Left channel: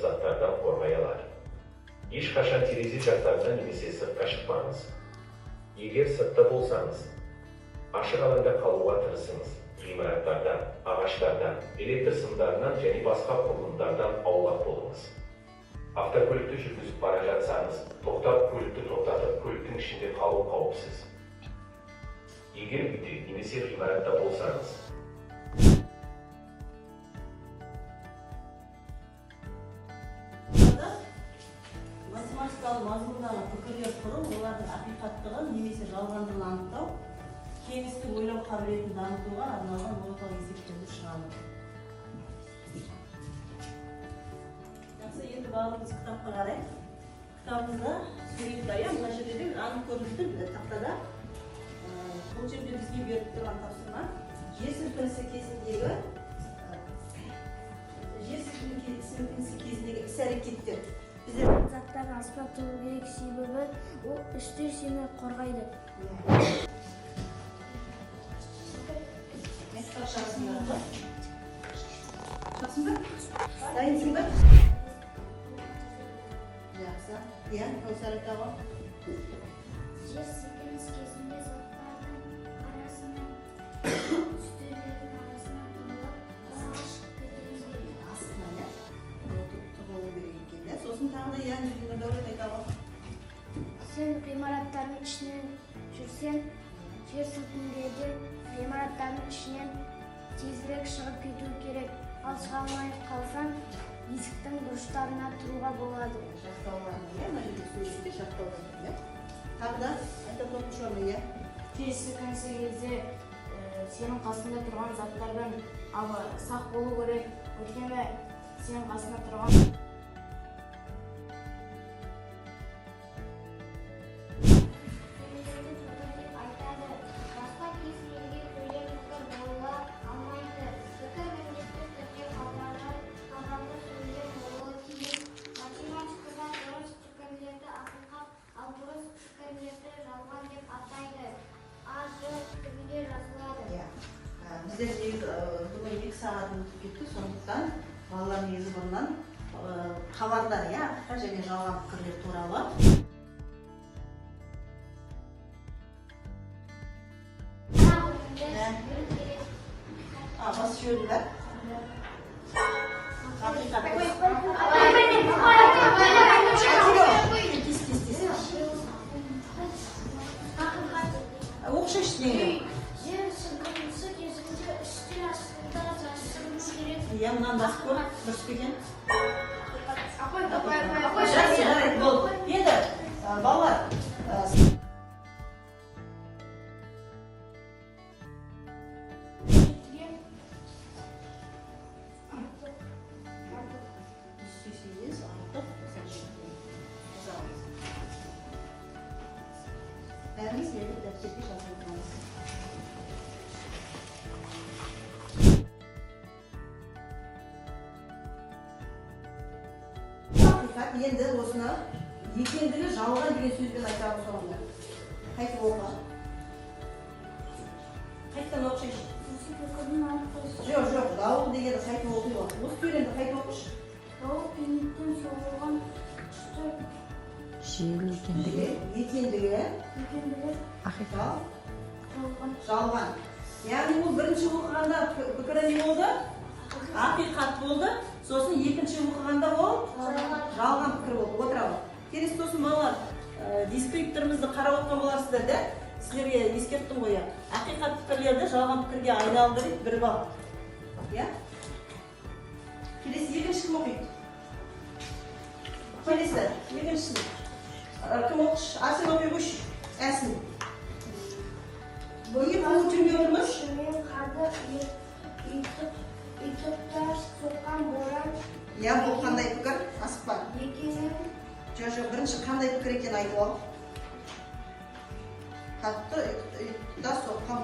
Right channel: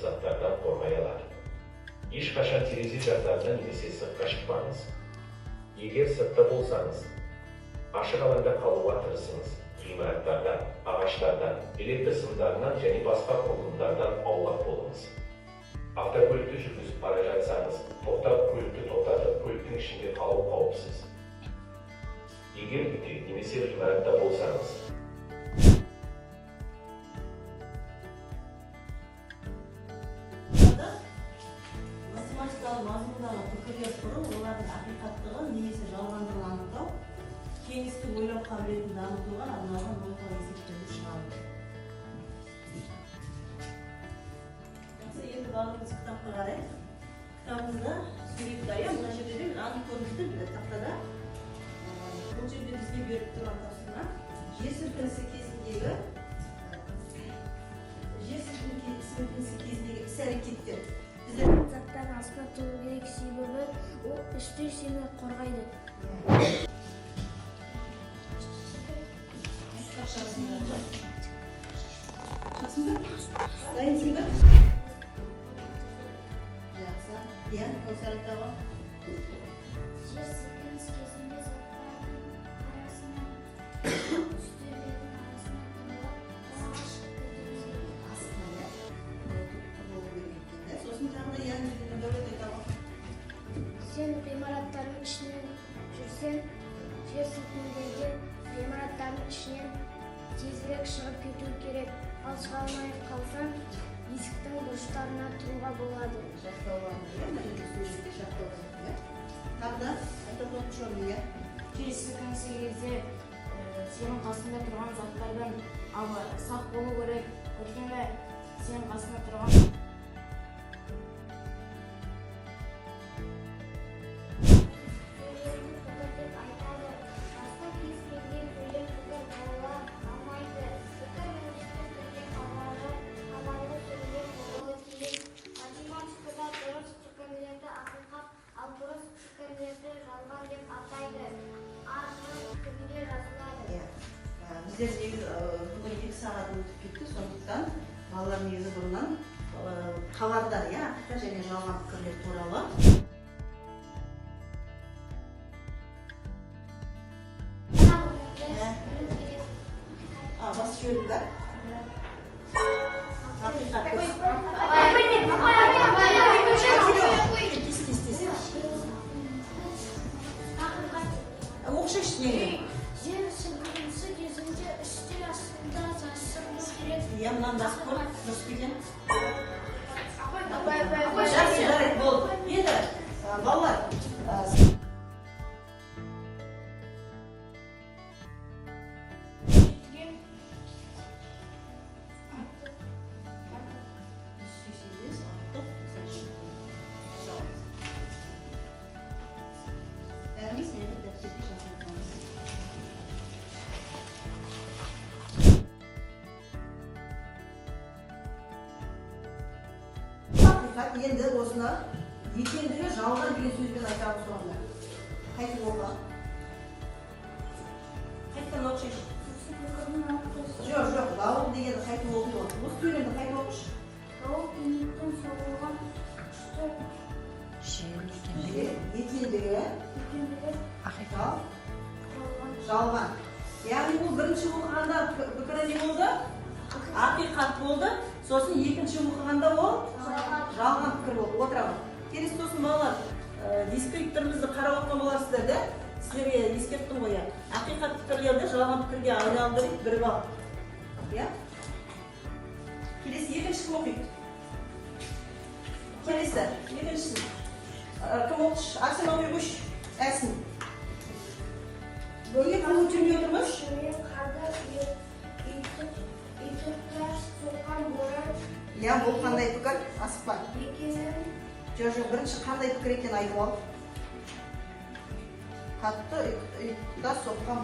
заттардан қорғай алады. Ешқашан терезе жақтарынан немесе сыртқа шықпаңыз. Егер сыртта болсаңыз, ашық алаңда қалуға тырысыңыз. Ғимараттардан, ағаштардан, электр сымдарынан және басқа құрылымдардан аулақ болыңыз. Автокөлікті жүргізіп бара жатсаңыз, тоқтап көлікті тоқтатып, көліктің ішінде қалу қауіпсіз. Егер үйде немесе ғимаратта болсаңыз, математикалық мазмұндағы пікірлер құру, олардың ақиқаттығын немесе жалғандығын анықтау, кеңістік ойлау қабілетін дамытуға арналған логикалық есептерді шығару. Енді барлығымыз кітапқа қарайық. Кітабымызда сурет бар, мына жерде анық көріністі тақтада. Бұл жерде бізге беріп тұрған тапсырма жер сілкінісі кезіндегі іс-әрекеттер. Заттардың астына тұру керек, себебі ол үстел сені қорғайды. Дайынсың ба? Жақсы. Иә, осы айтаға. Жер сілкініс кезінде заттардың арасынан үстелдердің арасынан тұрып ағаш көтеріледі. Астына, иә? Сосын тағы да яғни дәулет айтаға. Сен ғимараттардың ішінен жүрсең, жер сілкінгенде ғимараттардың ішінен тезірек шығып кету керек. Ал шыға алмай қалсаң, есіктің бұрыштарына тұруға болады. Жақтауған, иә? Мына жерде сөйлесте жақтауған, иә? Тағы да айтып отыршылы, иә? Жер сілкінісі кезде сенің қасында тұрған заттардан сақ болу керек. Өйткені сенің қасында тұрған Біздер бүгін 2 сағат өтіп кетті, сондықтан балалар негізі бұрыннан хабардар, иә, ақиқат және жалған пікірлер туралы. Басы жөрі бар. Оқшы іштегі. Жер сілкінісі кезінде үстел астында жасырыну керек. Иә, мұнан басып көр, дұрыс келген. Енді, балалар, енді осыны екендігі жалған деген сөзбен айтамыз соңында. Қайтып оқы. Қайттан оқшайшы. Жоқ, дауыл деген қайтып оқиды. Осы сөйлемді қайтып оқышы. Дауыл кенеттен соғылған күшті екендігі жалған. Яғни бұл бірінші оқығанда пікірі не болды? Ақиқат болды. Сосын екінші оқығанда ол жалған пікір болды. Отырамын. Келесі сосын балалар, дескриптормызды қарап отқан боларсыздар, да? Сіздерге ескерттім ғой. Ақиқат пікірлерді жалған пікірге айналдырып бір бал. Иә? Келесі екінші оқиды. Келесі екінші. Кім оқыш? Асын оқыш. Әсін. Бөлге қаңыз жүрмей отырмыш? Иә, бұл қандай пікір? Асықпа. Жоқ, бірінші қандай пікір екен айтып ал. Қатты ұйықтар соққан